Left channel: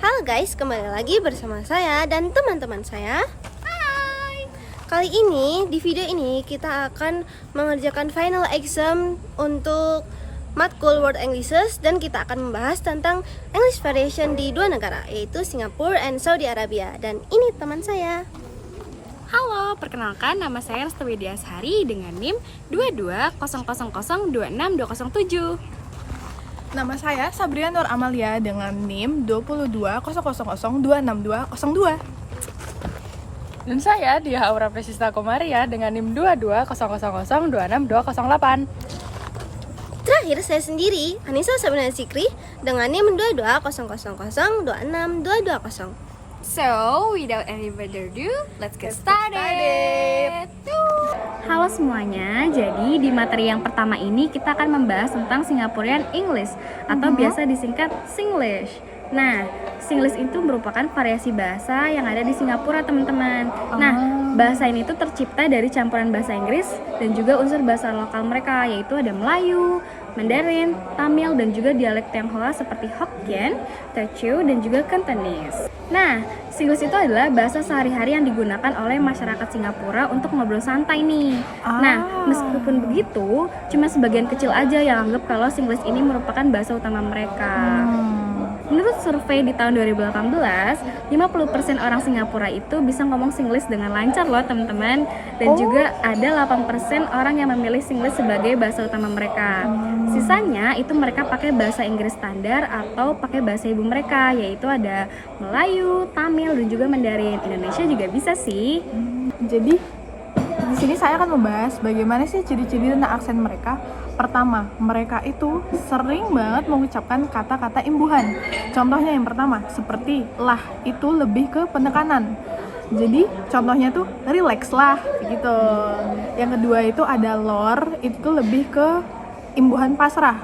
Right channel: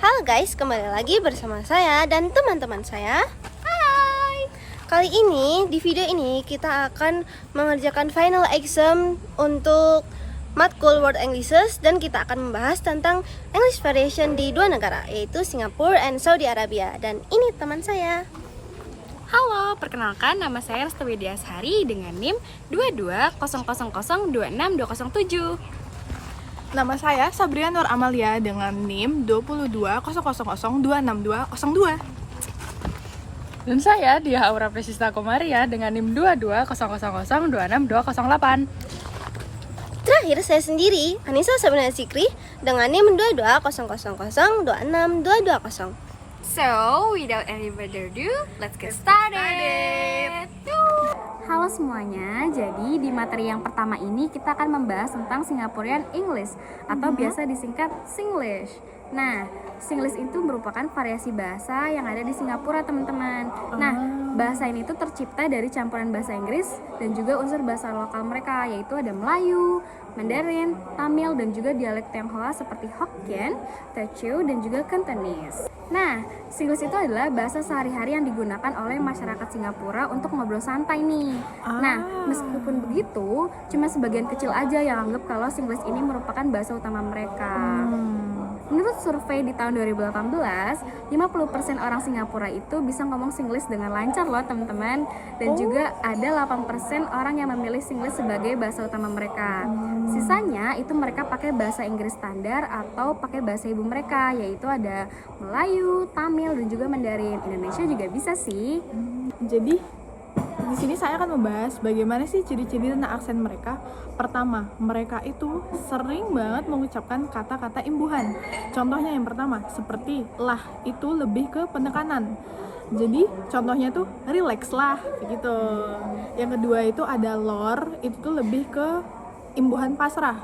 Halo guys, kembali lagi bersama saya dan teman-teman saya. Hai. Kali ini, di video ini kita akan mengerjakan final exam untuk matkul World Englishes. Dan kita akan membahas tentang English variation di dua negara, yaitu Singapura and Saudi Arabia. Dan ini teman saya. Halo, perkenalkan nama saya Resti Widiasari dengan NIM 2200026207. Nama saya Sabrina Nur Amalia dengan NIM 2200026202. Dan saya Dia Aura Presista Komaria dengan NIM 2200026208. Terakhir saya sendiri, Anissa Sabrina Zikri dengan NIM 2200026220. So, without any further ado, let's get started. Halo semuanya, jadi di materi yang pertama ini kita akan membahas tentang Singaporean English atau biasa disingkat Singlish. Nah, Singlish itu merupakan variasi bahasa yang ada di Singapura, teman-teman. Nah, bahasa ini tuh tercipta dari campuran bahasa Inggris dan juga unsur bahasa lokal mereka, yaitu ada Melayu, Mandarin, Tamil, dan juga dialek Tionghoa seperti Hokkien, Teochew, dan juga Cantonese. Nah, Singlish itu adalah bahasa sehari-hari yang digunakan oleh masyarakat Singapura untuk ngobrol santai nih. Nah, meskipun begitu, cuma sebagian kecil aja yang anggap kalau Singlish ini merupakan bahasa utama mereka. Menurut survei di tahun 2018, 50% orang Singapura itu bisa ngomong Singlish dengan lancar loh, teman-teman. Dan juga ada 8% orang yang memilih Singlish sebagai bahasa utama mereka. Sisanya itu mereka pakai bahasa Inggris standar atau pakai bahasa ibu mereka, yaitu ada Melayu, Tamil, dan juga Mandarin. Indonesia juga bisa sih. Jadi di sini saya akan membahas bagaimana sih ciri-ciri tentang aksen mereka. Pertama, mereka itu sering banget mengucapkan kata-kata imbuhan. Contohnya yang pertama, seperti lah, itu lebih ke penekanan. Jadi contohnya tuh relax lah, gitu. Yang kedua itu ada lor, itu lebih ke imbuhan pasrah.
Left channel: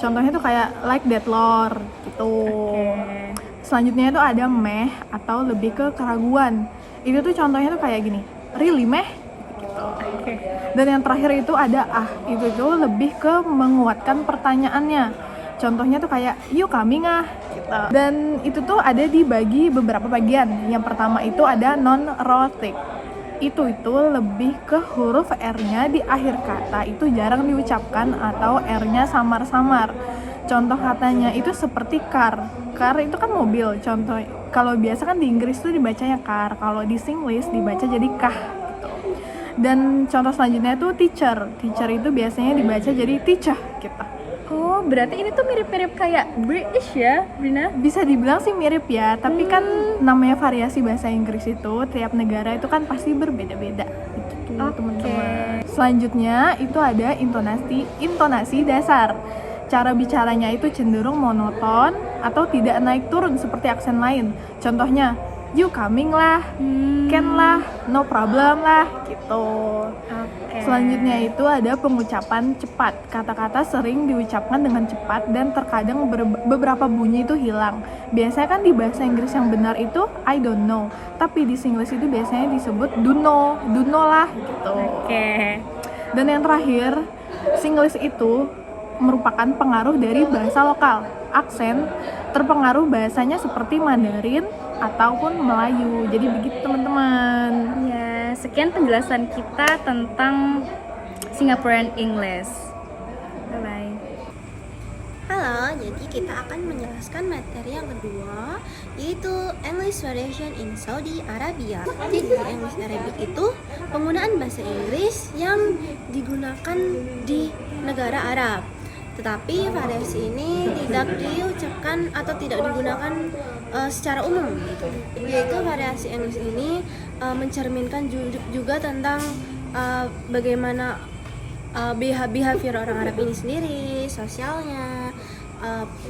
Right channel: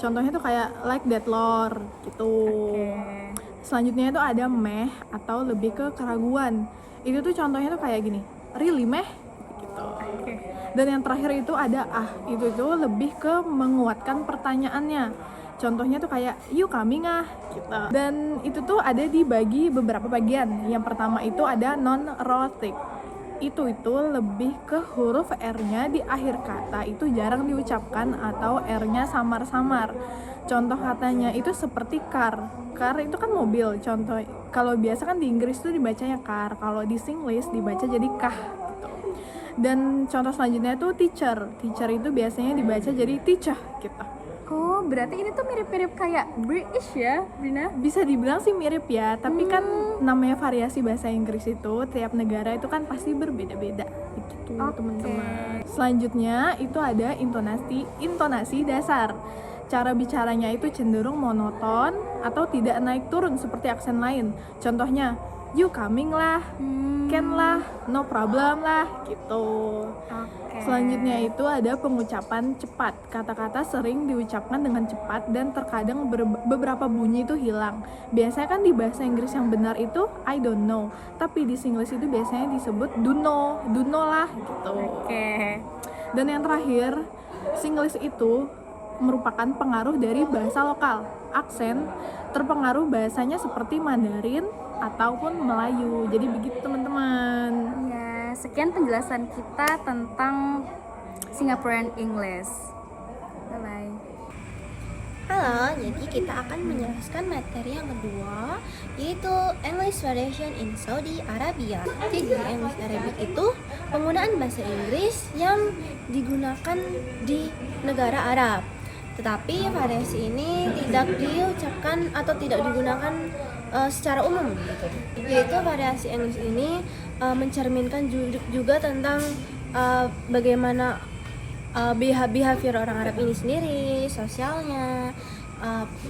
Contohnya tuh kayak like that lor, gitu. Selanjutnya itu ada meh atau lebih ke keraguan. Itu tuh contohnya tuh kayak gini, really meh? Dan yang terakhir itu ada itu lebih ke menguatkan pertanyaannya. Contohnya tuh kayak you coming gitu. Dan itu tuh ada dibagi beberapa bagian. Yang pertama itu ada non-rhotic. Itu lebih ke huruf R-nya di akhir kata itu jarang diucapkan atau R-nya samar-samar. Contoh katanya itu seperti car. Car itu kan mobil. Contoh kalau biasa kan di Inggris tuh dibacanya car, kalau di Singlish dibaca jadi kah. Dan contoh selanjutnya tuh teacher. Teacher itu biasanya dibaca jadi teacher gitu. Oh, berarti ini tuh mirip-mirip kayak British ya, Brina? Bisa dibilang sih mirip ya, tapi kan namanya variasi bahasa Inggris itu tiap negara itu kan pasti berbeda-beda gitu tuh, teman-teman. Selanjutnya itu ada intonasi dasar. Cara bicaranya itu cenderung monoton atau tidak naik turun seperti aksen lain. Contohnya you coming lah, can lah, no problem lah, gitu. Selanjutnya itu ada pengucapan cepat. Kata-kata sering diucapkan dengan cepat dan terkadang beberapa bunyi itu hilang. Biasanya kan di bahasa Inggris yang benar itu I don't know, tapi di Singlish itu biasanya disebut do know lah, gitu. Dan yang terakhir, Singlish itu merupakan pengaruh dari bahasa lokal. Aksen terpengaruh bahasanya seperti Mandarin ataupun Melayu. Jadi begitu, teman-teman. Ya, sekian penjelasan kita tentang Singaporean English. Bye-bye. Halo, jadi kita akan menjelaskan materi yang kedua, yaitu English variation in Saudi Arabia. Jadi English Arabic itu penggunaan bahasa Inggris yang digunakan di negara Arab. Tetapi variasi ini tidak diucapkan atau tidak digunakan secara umum gitu. Yaitu variasi English ini mencerminkan juga tentang bagaimana behavior orang Arab ini sendiri, sosialnya,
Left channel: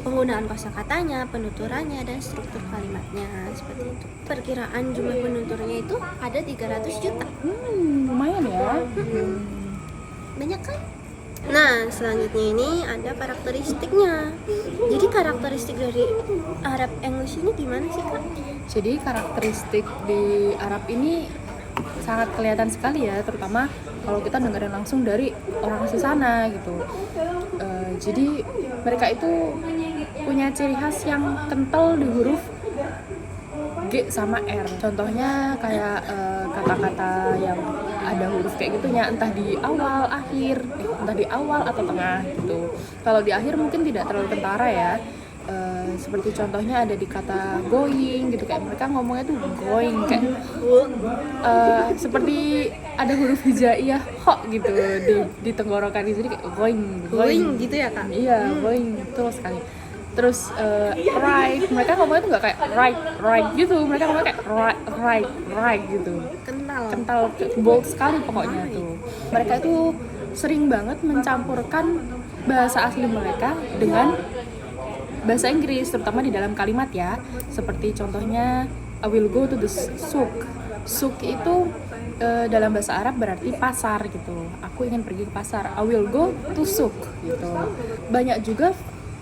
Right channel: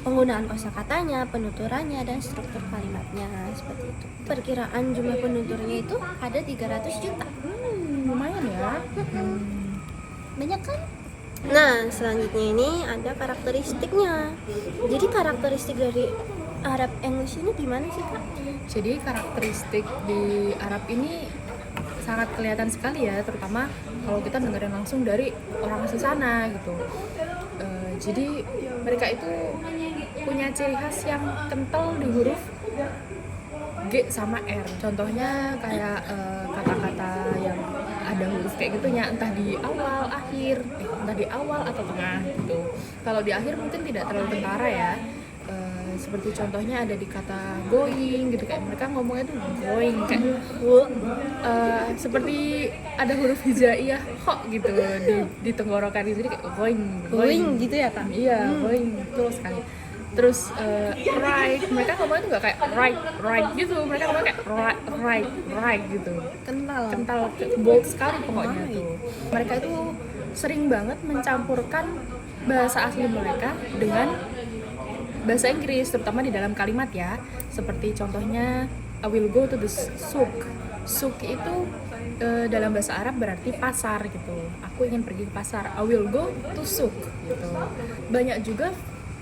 penggunaan kosakatanya, penuturannya, dan struktur kalimatnya, seperti itu. Perkiraan jumlah penuturnya itu ada 300 juta. Lumayan ya. Banyak kan? Nah, selanjutnya ini ada karakteristiknya. Jadi karakteristik dari Arab English ini gimana sih, Kak? Jadi karakteristik di Arab ini sangat kelihatan sekali ya, terutama kalau kita dengerin langsung dari orang asli sana gitu. Jadi mereka itu punya ciri khas yang kental di huruf G sama R. Contohnya kayak kata-kata yang ada huruf kayak gitu ya, entah di awal, akhir, entah di awal atau tengah gitu. Kalau di akhir mungkin tidak terlalu kentara ya. Seperti contohnya ada di kata going gitu, kayak mereka ngomongnya tuh going kayak seperti ada huruf hijaiyah ho gitu di tenggorokan di sini kayak going gitu ya kak? iya going betul sekali. Terus right, mereka ngomongnya tuh nggak kayak right gitu, mereka ngomongnya kayak right gitu, kental bold sekali pokoknya tuh. Mereka itu sering banget mencampurkan bahasa asli mereka dengan bahasa Inggris, terutama di dalam kalimat ya. Seperti contohnya I will go to the souk. Souk itu dalam bahasa Arab berarti pasar gitu. Aku ingin pergi ke pasar. I will go to souk gitu. Banyak juga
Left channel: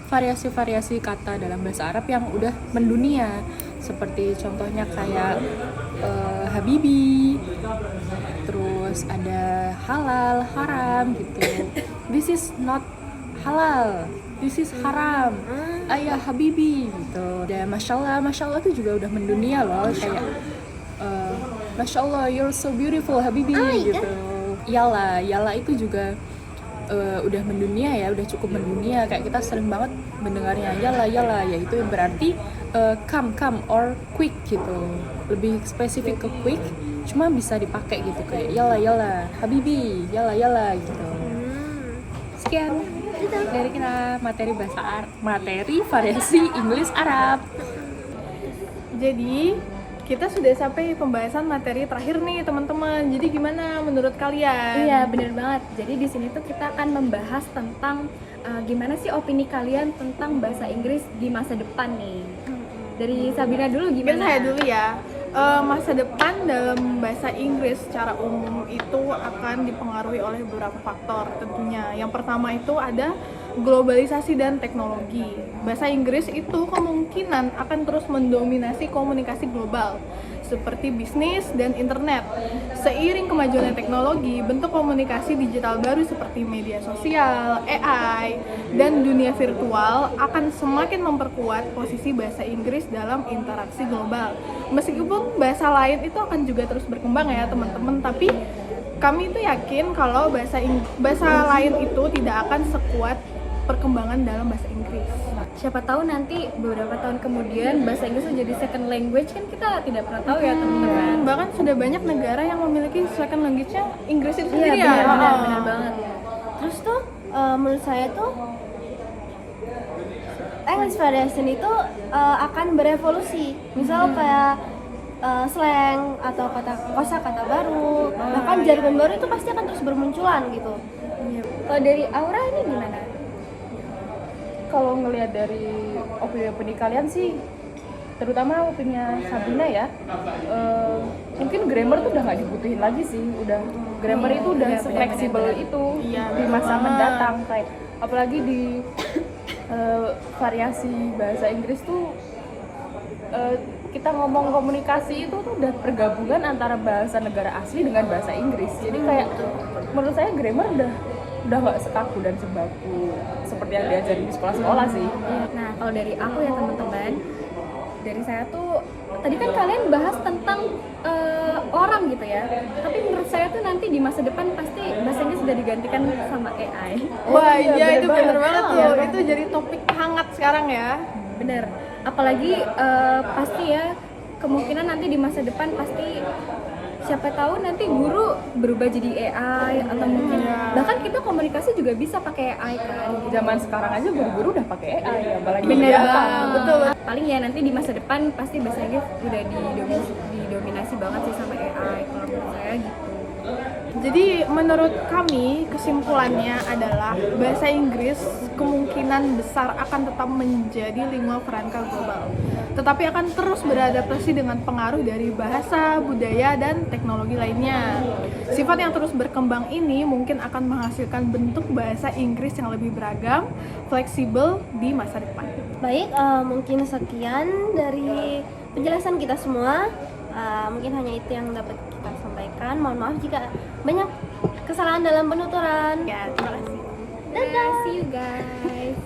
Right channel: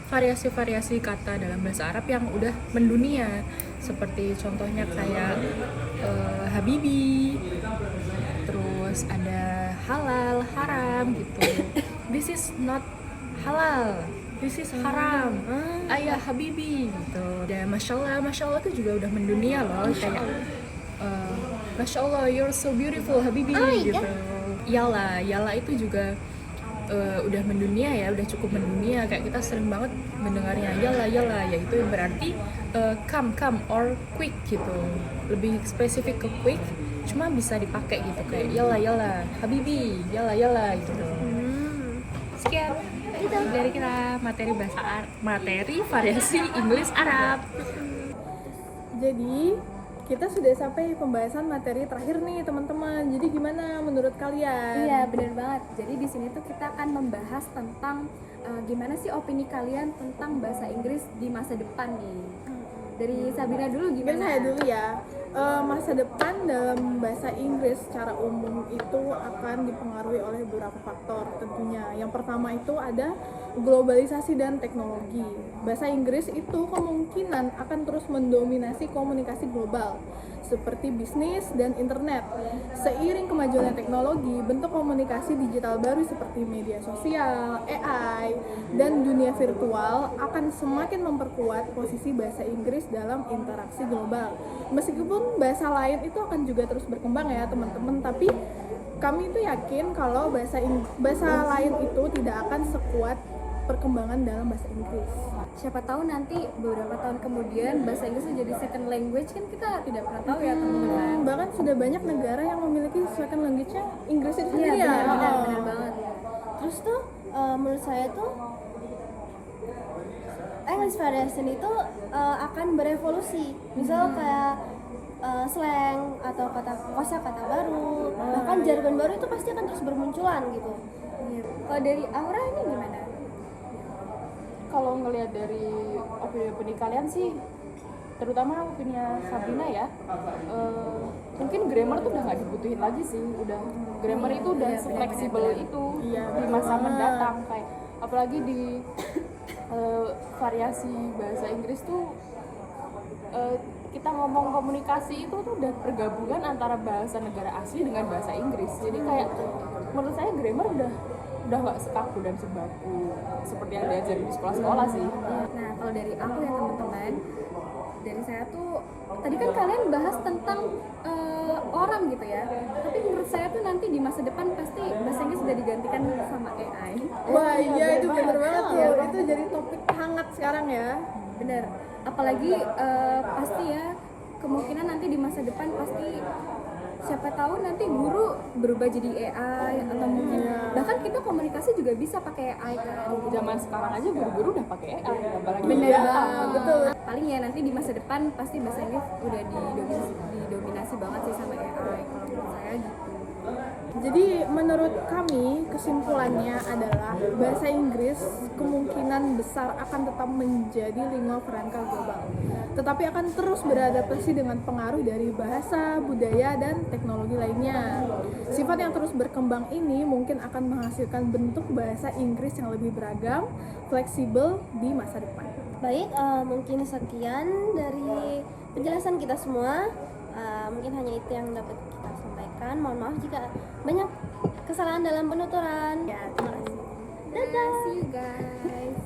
variasi-variasi kata dalam bahasa Arab yang udah mendunia. Seperti contohnya kayak habibi. Terus ada halal, haram gitu. This is not halal, this is haram. Ayah habibi gitu. Dan masya Allah itu juga udah mendunia loh. Masya Allah, you're so beautiful habibi gitu. Yala itu juga udah mendunia ya, udah cukup mendunia. Kayak kita sering banget mendengarnya yala, yaitu yang berarti come or quick gitu. Lebih spesifik ke quick, cuma bisa dipakai gitu kayak yala habibi, yala gitu. Sekian itu dari kita materi variasi Inggris Arab. Jadi kita sudah sampai pembahasan materi terakhir nih teman-teman. Jadi gimana menurut kalian? Iya, bener banget. Jadi di sini tuh kita akan membahas tentang gimana sih opini kalian tentang bahasa Inggris di masa depan nih. Dari Sabina dulu Mungkin gimana? saya dulu ya. Masa depan dalam bahasa Inggris secara umum itu akan dipengaruhi oleh beberapa faktor tentunya. Yang pertama itu ada globalisasi dan teknologi. Bahasa Inggris itu kemungkinan akan terus mendominasi komunikasi global seperti bisnis dan internet. Seiring kemajuan teknologi, bentuk komunikasi digital baru seperti media sosial, AI, dan dunia virtual akan semakin memperkuat posisi bahasa Inggris dalam interaksi global. Meskipun bahasa lain itu akan juga terus berkembang ya teman-teman, tapi kami itu yakin kalau bahasa lain itu tidak akan sekuat perkembangan dalam bahasa Inggris. Siapa tahu nanti beberapa tahun kemudian bahasa Inggris menjadi second language, kan kita tidak pernah tahu ya teman-teman. Bahkan sudah banyak negara yang memiliki second language-nya Inggris itu Iya, sendiri ya. benar banget. Terus tuh menurut saya tuh English variation itu akan berevolusi. Misal kayak slang atau kosakata baru, bahkan jargon baru itu pasti akan terus bermunculan gitu. Kalau dari Aura ini gimana? Kalau ngelihat dari opini kalian sih, terutama opini Sabina ya, mungkin grammar tuh udah nggak dibutuhin lagi sih. Udah grammar itu udah fleksibel itu di masa mendatang. Kayak apalagi di variasi bahasa Inggris tuh kita ngomong komunikasi itu tuh udah pergabungan antara bahasa negara asli dengan bahasa Inggris. Jadi kayak menurut saya grammar udah nggak sekaku dan sebaku seperti yang diajarin di sekolah-sekolah sih. Nah, kalau dari aku ya teman-teman, dari saya tuh tadi kan kalian bahas tentang orang gitu ya. Tapi menurut saya tuh nanti di masa depan pasti bahasa Inggris sudah digantikan sama AI. Wah iya itu bener banget tuh. Itu jadi topik hangat sekarang ya. Bener. Apalagi pasti ya kemungkinan nanti di masa depan pasti siapa tahu nanti guru berubah jadi AI atau mungkin bahkan kita komunikasi juga bisa pakai AI kan. Zaman sekarang aja guru-guru udah pakai AI, apalagi Bener Iya, banget. betul. Paling ya nanti di masa depan pasti bahasa Inggris udah didominasi banget sih sama AI kalau menurut saya gitu. Jadi menurut kami kesimpulannya adalah bahasa Inggris kemungkinan besar akan tetap menjadi lingua franca global, tetapi akan terus beradaptasi dengan pengaruh dari bahasa, budaya, dan teknologi lainnya. Sifat yang terus berkembang ini mungkin akan menghasilkan bentuk bahasa Inggris yang lebih beragam, fleksibel di masa depan. Baik, mungkin sekian dari penjelasan kita semua. Mungkin hanya itu yang dapat kita sampaikan. Mohon maaf jika banyak kesalahan dalam penuturan. Ya, terima kasih. Dadah, see you guys.